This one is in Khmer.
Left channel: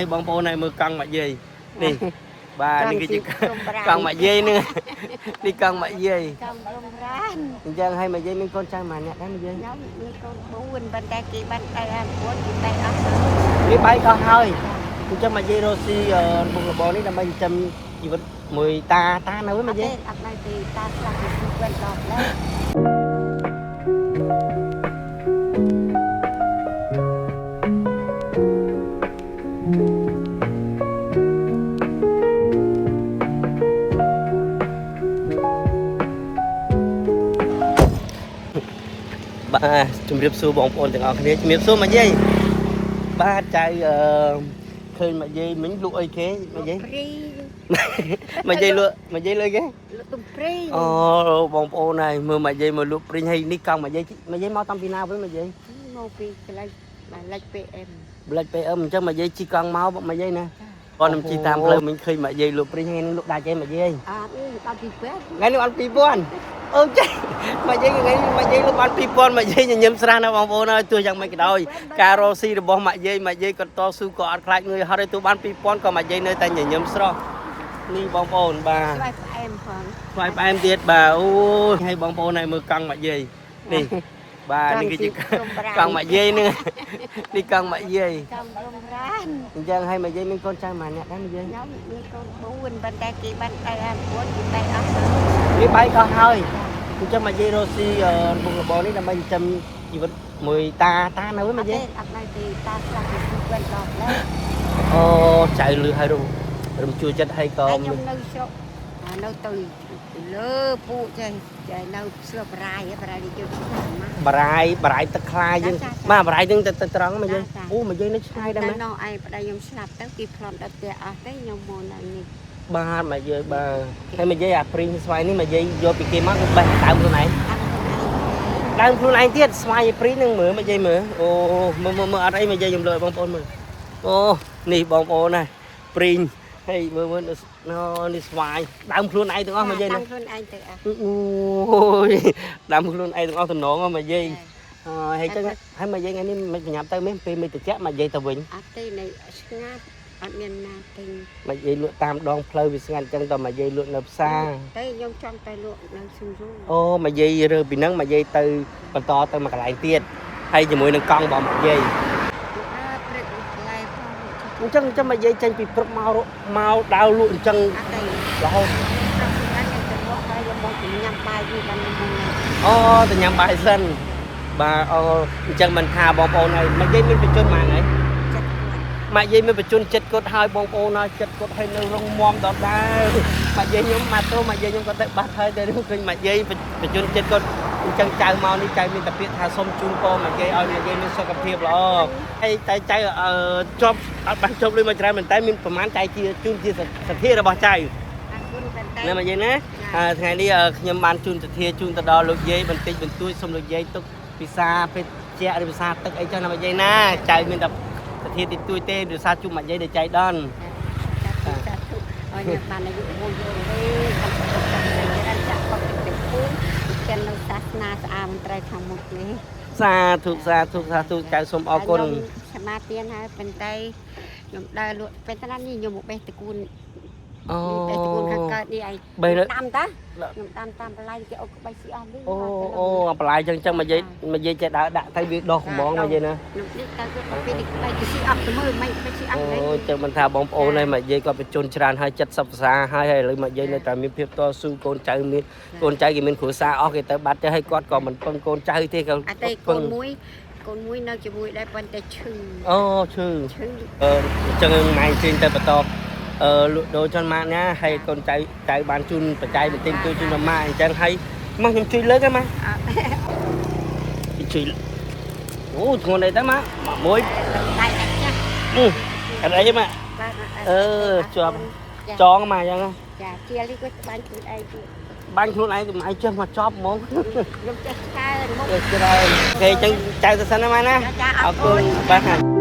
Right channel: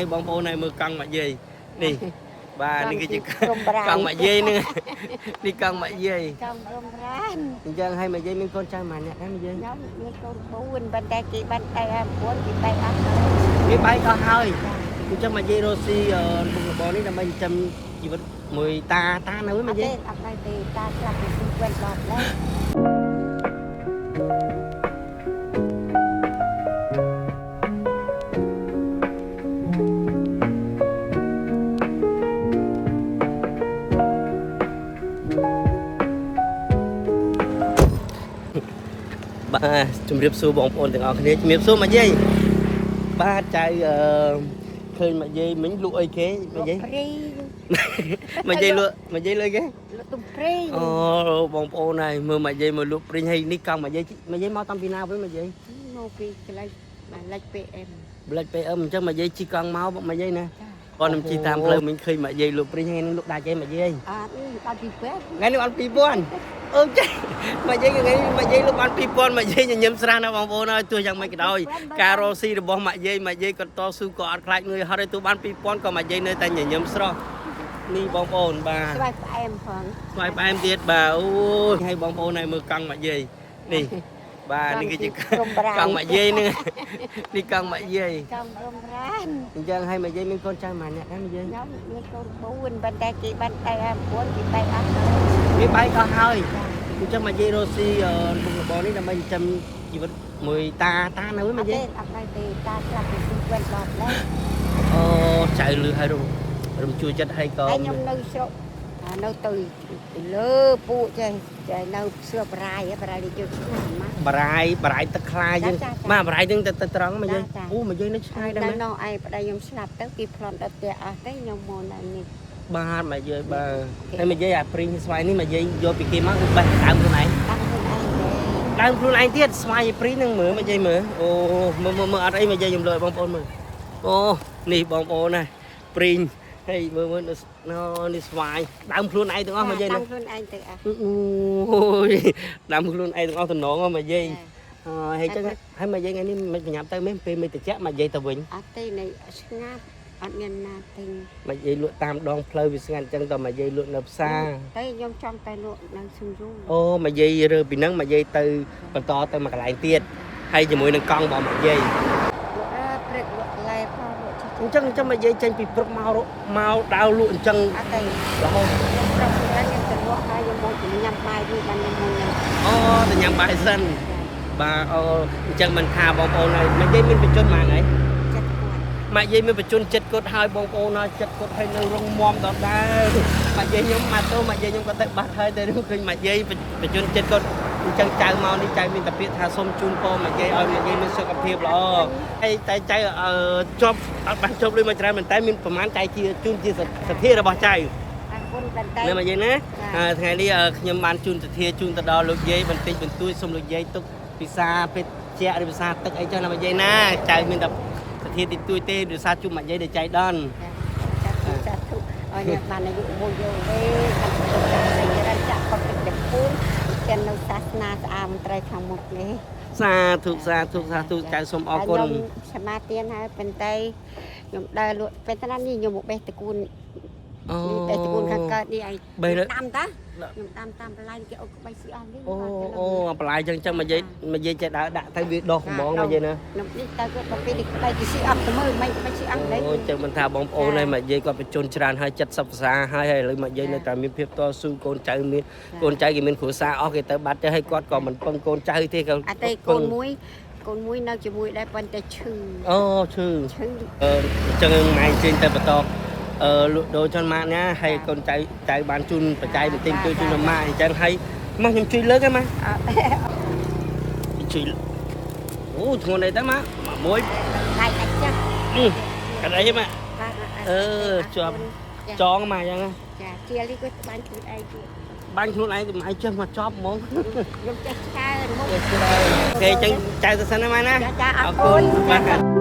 ให้บางโพในมือกองมาเย่นี่บ้านนี่คือกองมาเย่นี่นี่กองมาเย่กองรมร้านยังให้มาเย่มีคนจ้างมาเนี่ยได้มาเย่nhómมีcon buôn bên đây kỳ bên đây em muốn kỳ đây ấpนี่ไปก็เฮ้ยคุณจะมาเย่โรซี่บุกบอลนี่ทำไมจำชีวิตมวยตาเนื้อมาเย่ ấp đây thì ta là cái quen lọt đấy បាទជំរាបសួរបងប្អូនទាំងអស់គ្នាជំរាបសួរមកយាយបាទចៅឃើញមកយាយមិញលក់អីគេមកយាយមកយាយលក់មកយាយលក់គេលក់ទំព្រីអូបងប្អូនហើយមើលមកយាយមកលក់ព្រីងហើយនេះកង់មកយាយមកតាំងពីណាវិញមកយាយមកពីកន្លែងបាយលិច PM លិច PM អញ្ចឹងមកយាយជីកង់មកមកយាយណាគាត់នឹងជីតាមផ្លូវមិញឃើញមកយាយលក់ព្រីងហើយនឹងលក់ដាច់ឯងមកយាយអត់នេះដល់ពីពេទ្យថ្ងៃនេះអត់2000អូចេះមកយាយថ្ងៃនេះមកយាយលក់បាន2000មកយាយញញឹមស្រាស់ណាបងប្អូនហើយទោះយ៉ាងម៉េចក៏ដោយការរកស៊ីរបស់មកយាយគាត់តស៊ូក៏អត់ខ្លាចងឿយហត់ឲ្យទោះបាន2000ក៏មកយាយនៅតែញញឹមស្រស់នេះបងប្អូនបាទស្វាយផ្អែមផងស្វាយផ្អែមទៀតបាទអូយឲ្យបងប្អូនឲ្យមើលកង់មកយាយនេះបាទនេះគឺកង់មកយាយនេះនេះកង់មកយាយកង់រំរានអញ្ចឹងឲ្យមកយាយមានកូនចៅម៉ាអ្នកដែរមកយាយខ្ញុំមានកូន4ប៉ុន្តែគេបានទៅអា4គេទៅអស់ហើយនេះបាយក៏ហើយអញ្ចឹងមកយាយរកស៊ីបុកបរនេះដើម្បីចិញ្ចឹមជីវិតមួយតានៅមកយាយអត់ដែរទេតាស្លាប់ពី2គាត់ដល់ហើយអូចៅលឺហើយរំជួយចិត្តឲ្យក៏ខ្ញុំនៅស្រុកនៅទៅលើពូចេះនៅស្រុកបរាយនេះជួយឆ្ងាយមកបរាយទឹកខ្លាយើងមកបរាយយើងទៅត្រង់មកយាយអូមកយាយនៅឆ្ងាយដែរមែននៅឯប្តីខ្ញុំស្លាប់ទៅគេផ្លន់ដល់ផ្ទះអស់ទៅខ្ញុំមកនៅនេះបាទមកយាយបាទហើយមកយាយអាព្រីងស្វាយនេះមកយាយយកពីគេមកគឺបេះដើមខ្លួនឯងដើមខ្លួនឯងទៀតស្វាយព្រីងនឹងមើលមកយាយមើលអូមើលអត់អីមកយាយខ្ញុំលើបងប្អូនមើលអូនេះបងប្អូនណាព្រីងហើយមើលនេះស្វាយដើមខ្លួនឯងទាំងអស់មកយាយណាដើមខ្លួនឯងទៅអស់អូយដើមខ្លួនឯងទាំងអស់តំណងមកយាយហើយចឹងហើយមកយាយថ្ងៃនេះមិនប្រញាប់ទៅមែនពេលមិនតិចមកយាយទៅវិញអត់ទេនៅស្ងាត់អត់មានណាទិញមកយាយលក់តាមដងផ្លូវវាស្ងាត់ចឹងតមកយាយលក់នៅផ្សារតែខ្ញុំចង់ទៅលក់នៅសញ្ជូអូមកយាយរើពីហ្នឹងមកយាយទៅបន្តទៅមកកន្លែងទៀតហើយជាមួយនឹងកង់របស់មកយាយអញ្ចឹងមកយាយចេញពីព្រឹកមកដាវលក់អញ្ចឹងរហូតខ្ញុំទៅលក់ហើយខ្ញុំមកញ៉ាំបាយវិញបានមុនអូទៅញ៉ាំបាយសិនបាទអូអញ្ចឹងមិនថាបងប្អូនហើយមកយាយមានបញ្ជនម៉ានហើយមកយាយមានបញ្ជនចិត្តគាត់ហើយបងប្អូនហើយចិត្តគាត់ហើយនៅរងមមដដែលមកយាយខ្ញុំមកទៅមកយាយខ្ញុំគាត់ទៅបាត់ហើយតែឃើញមកយាយបញ្ជនចិត្តគាត់អញ្ចឹងចៅមកនេះចៅមានតែពាក្យថាសុំជូនពរមកយាយឲ្យមកយាយមានសុខភាពល្អហើយតែចៅជាប់អត់បានជប់លុយមកច្រើនមែនតែមានប្រហែលចៅជាជូនជាសទ្ធារបស់ចៅនៅមកយាយណាថ្ងៃនេះខ្ញុំបានជូនសទ្ធាជូនទៅដល់លោកយាយបន្តិចបន្តួចសូមលោកយាយទុកពិសាពេទ្យជាឬភាសាទឹកអីចឹងណាមកយាយណាចៅមានតែសទ្ធាតិចតួចទេដោយសារជុំមកយាយដែលចៃដន្យចាត់ទុកឲ្យបានអាយុមួយយូរវិញបានទៅចាក់គាត់ទៅពូនចិននៅសាសនាស្អាតមន្ត្រីខាងមុខនេះសាធុចៅសូមអរគុណសមាទានហើយប៉ុន្តែខ្ញុំដើរលក់ពេលតាមនេះខ្ញុំមកបេះតកូនតែតកូនខាងកើតនេះឯងដាំតាខ្ញុំដាំតាមបន្លែគេអុកក្បាច់ស៊ីអស់វិញអូបន្លែចឹងមកយាយចេះដើរដាក់ទៅវាដោះកំងមកយាយណាខ្ញុំនេះទៅគាត់ទៅពេលក្បាច់គេស៊ីអស់ទៅមើលមិនក្បាច់ស៊ីអស់អូចឹងមិនថាបងប្អូនហើយមកយាយគាត់បញ្ជូនច្រើនហើយ70ភាសាហើយឥឡូវមកយាយនៅតែមានភាពតស៊ូកូនចៅមានកូនចៅគេមានគ្រួសារអស់គេទៅបាត់ទៅហើយគាត់ក៏មិនពឹងកូនចៅទេក៏អត់ទេកូនមួយនៅជាមួយដែរប៉ុន្តែឈឺអូឈឺអញ្ចឹងម៉ែជើញទៅបន្តលក់ដូរចនម៉ាក់ណាហើយកូនចៅបានជូនបច្ច័យបន្តិចជួយម៉ាក់អញ្ចឹងហើយមកខ្ញុំជួយលើកហ្នឹងម៉ាជួយអូធ្ងន់អីទៅម៉ាក់មួយដៃអត់ចាស់អត់អីទេម៉ាក់ជាប់ចងម៉ាក់អញ្ចឹងចាជាលីគាត់បាញ់ខ្លួនឯងទៀតបាញ់ខ្លួនឯងកុំឲ្យចេះមកចប់ហ្មងខ្ញុំចេះច្រើនមកចេះច្រើនគេអញ្ចឹងចៅទៅសិនណាម៉ាក់ណាអរគុណបាទ